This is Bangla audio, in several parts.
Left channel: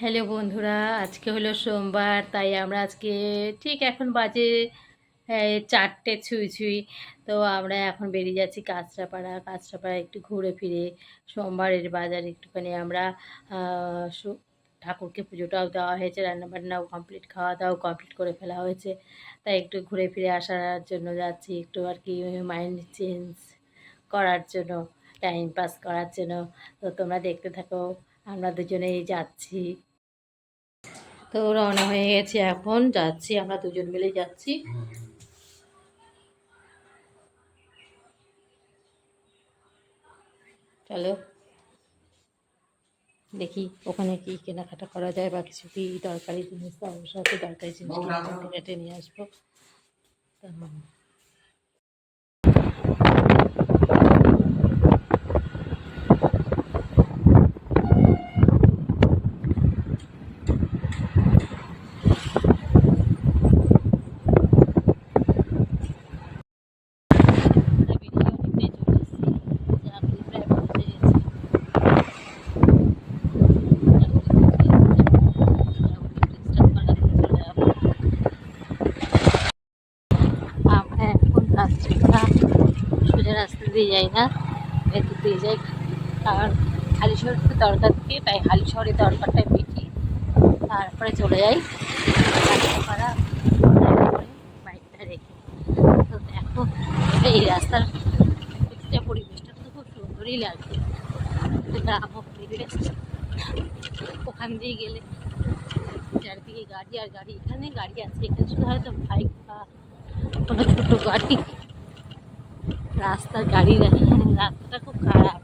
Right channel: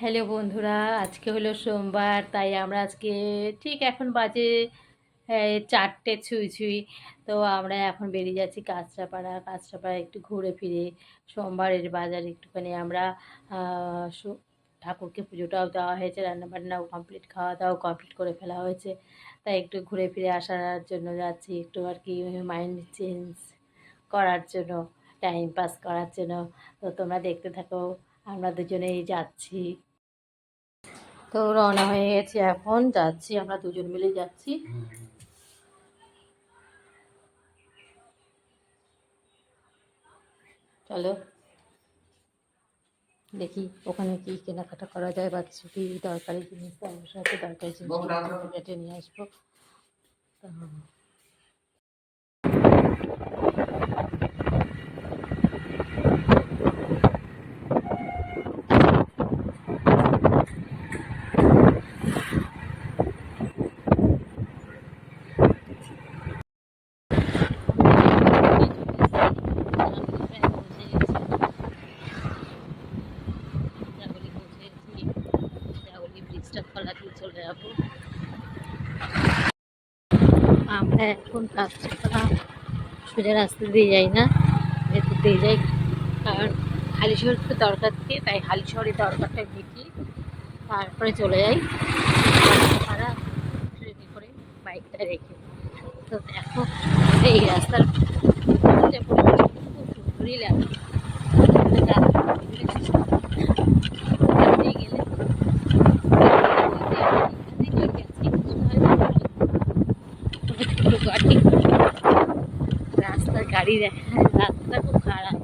হ্যালো বন্ধুরা, আজকে হলো সোমবার, তাই আমরা আজকে ঠিক এখন বাজে 4টে ছুঁই ছুঁই। তো আমরা এখন বেরিয়ে যাচ্ছি কাঁচরাপাড়া একটু ঘুরে ফিরে সোমবারের বাজারে একটুখানি আমরা ঠাকুরকে পুজোটাও দেওয়া হয়েছে, রান্নাবান্নাও কমপ্লিট, খাওয়া দাওয়াও কমপ্লিট করে ফেলা হয়েছে। তাই একটু ঘুরে ফিরে আসার জন্য যাচ্ছি, একটু আর কি মাইন্ড চেঞ্জ করার জন্য, টাইম পাস করার জন্য। তো তোমরা দেখতে থাকো, আমরা দুজনেই যাচ্ছি। তো রওনা হয়ে গেছি, এখন যাচ্ছি, আমরা দুজন মিলেই যাচ্ছি। চলো দেখি ওখানে কি কেনাকাটা করা যায়, বা কিছু কি দরকারি জিনিস, তার সাথে দরকারি জিনিস কেটে কেটে নিয়ে আসবো। তো আমরা এখন কাঁচরাপাড়া সোজা রাস্তা দিয়ে যাই না, ভেতর দিয়ে যাই, কারণ হালিশহরকে দরকার দিয়ে, তাই হালিশহরের দরকারটা মিটিয়ে তারপরে চলে যাই কাঁচরাপাড়া করে বাইকটা রেখে। তো দেখো, এই রাস্তার পরিবেশটা তো খুব সুন্দরই লাগছে। ওখান দিয়ে গেলে গাড়ি আছে, এখানে গাড়ি আছে, এখানে শুধু হয়তো বাইক বা কোনো ছোটো গাড়ি, রাস্তার গাড়ি দেখা, রাস্তাটা খুব খারাপ,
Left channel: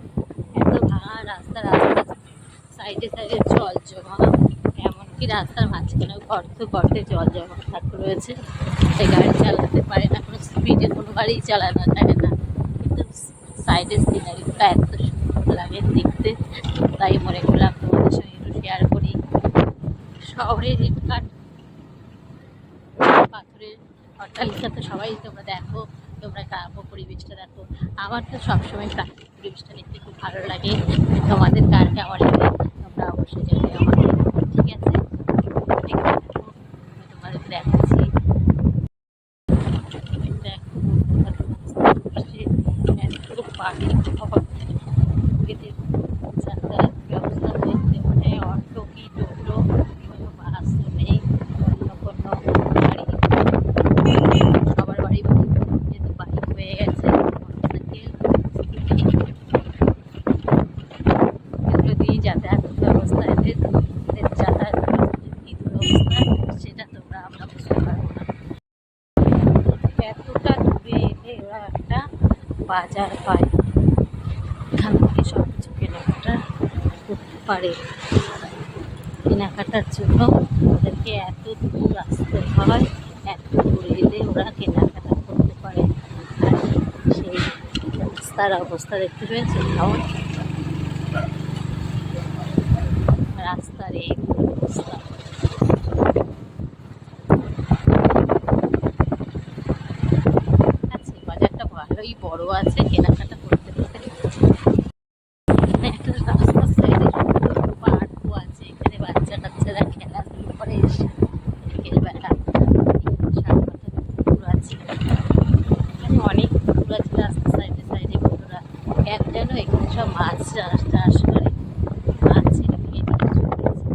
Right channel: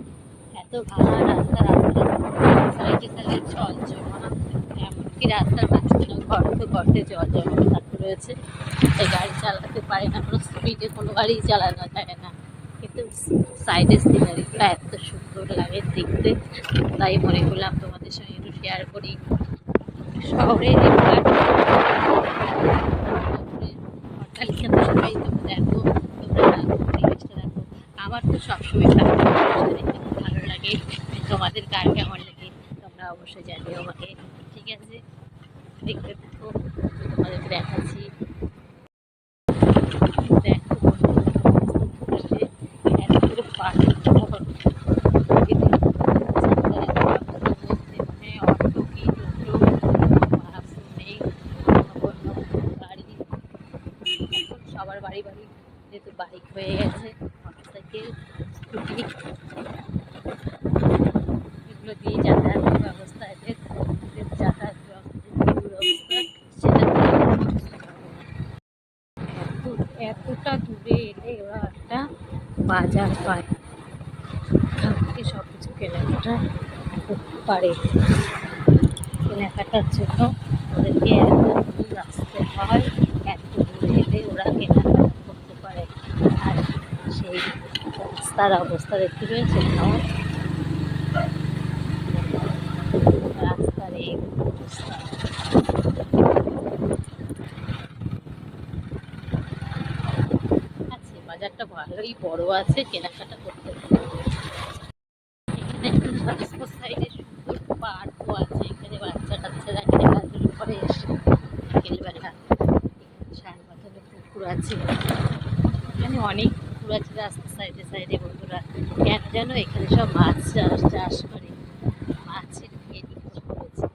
এত ভাঙা রাস্তা, রাস্তার সাইডে সাইডে জল জমা, এমনকি রাস্তার মাঝখানেও গর্তে জল জমা থাকতে রয়েছে, তাই গাড়ি চালাতে পারে না, কোনো স্পিডে কোনো গাড়ি চালানো যায় না। কিন্তু সাইডের সিনারিটা এত সুন্দর লাগে দেখতে, তাই মনে করলাম তোমাদের সঙ্গে একটু শেয়ার করি। শহরের পাথরের অট্টালিকা তো সবাই তোমরা দেখো, তোমরা পরিবেশটা দেখো, আমার তো সবসময় প্রাকৃতিক পরিবেশটা দেখতে খুব ভালো লাগে। তোমাদের কার কেমন লাগে তোমরা অবশ্যই জানিও আমাকে, ঠিক আছে? দেখতে থাকো, আমি তোমাদেরকে দেখাচ্ছি। দেখো এত পাখি অটো কি টোটো, বাস তো নেই, অন্য কোনো গাড়ি, সবার বাড়ি বাড়ি যেহেতু বাইক হয়ে গেছে, মোটরসাইকেল, স্কুটি, এগুলো দিয়ে যাতায়াতের ব্যবস্থা, এদের যাতায়াত অবস্থা, সেটা বুঝতে পারবো না। এতটা দূরে এলে ওরা একটা বাজার পায়, এখান থেকে সব কিছু কেনাকাটা করতে পারে। কেনাকাটার জন্য ওদেরকে এত দূর আসতে হয়, এত দূরে এলে ওরা কেনাকাটা করতে পারে। আর সেই রাস্তার অবস্থা দেখতে রয়েছে, কেমন রাস্তার এই অবস্থা। আছে বাজারটা ভালোই বড় আছে, কেনাকাটা করতে পারে। রাস্তার সাইডে সুন্দর পার্কও আছে, এখানে বাচ্চা কাচ্চারা খেলাধুলো করে এসে বিকেলবেলা। এখানে সারপাথরে পুকুর আছে, এখানে অনেক পুকুর আছে রাস্তার সাইডে সাইডে। বন্ধুরা কেন যেন এখানে সব মাছ চাষ করে, মাছের ক্ষেত কিছু রয়েছে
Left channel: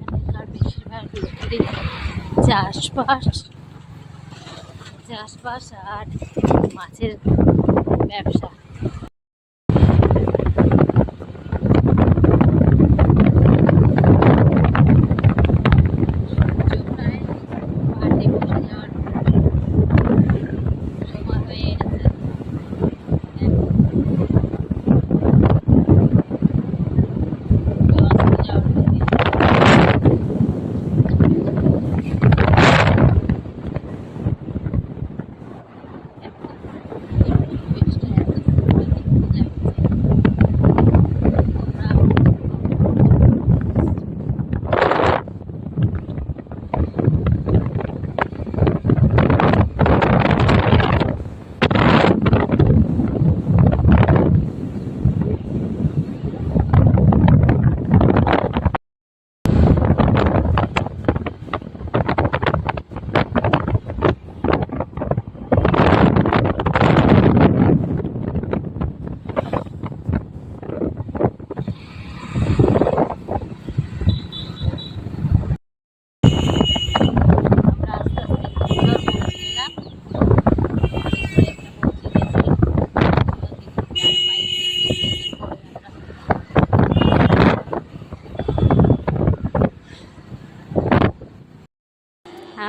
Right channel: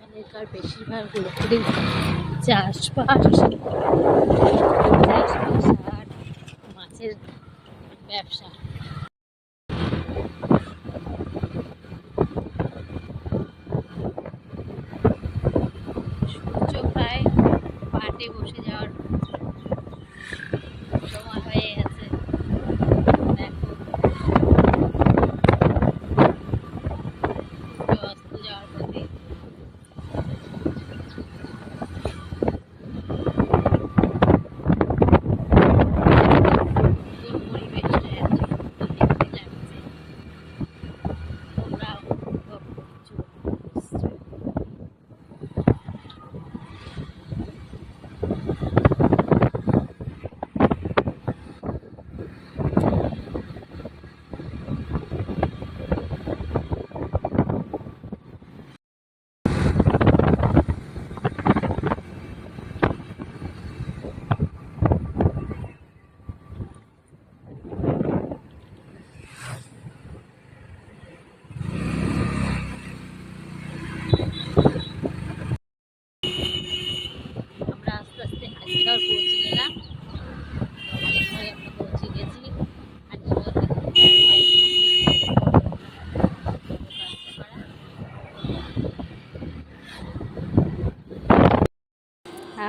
এখানকার, বেশিরভাগ লোকেরই চাষবাস আর মাছের ব্যবসা। সূর্য প্রায় পাটে বসে যাওয়ার সময় হয়ে গেছে, দেখো অস্ত যাওয়ার প্রতি। পরিবেশটা এত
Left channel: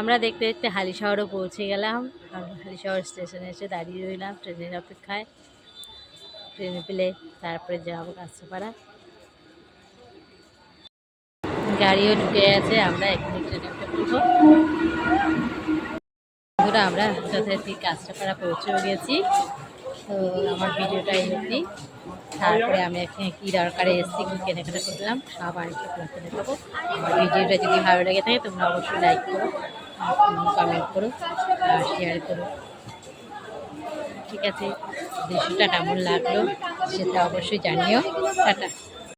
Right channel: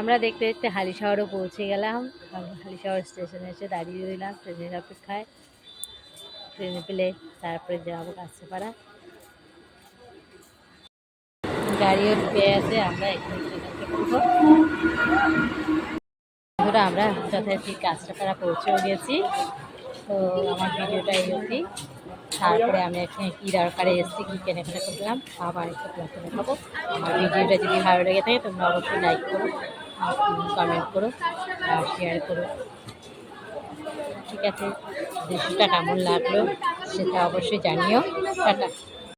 আমরা দেখতে দেখতে হালিশহরও পৌঁছে গেলাম। হালিশহর স্টেশনে এসে দাঁড়িয়ে রইলাম ট্রেনের অপেক্ষায়। ট্রেনে পেলে তারপরে যাবো কাঁচরাপাড়া। গাড়িও ঢুকে গেছে, আমরা এখানে ট্রেনে উঠে পড়বো। বন্ধুরা, আমরা যথারীতি কাঁচরাপাড়া পৌঁছেও গেছি। তো আমার ভিডিওটা এই অবধি। তারপরে আমি এখানে কী দরকারে এসেছি, কী কেনাকাটা করলাম সব আরেকটু তোমাকে দেখাবো। আমার ভিডিওটা যদি ভালো লেগে থাকে তোমরা অবশ্যই লাইক করো, কমেন্ট করো আর শেয়ার করো। ঠিক আছে, দৃশ্যটা কেমন লাগলো সেটা অবশ্যই জানিও। টাটা।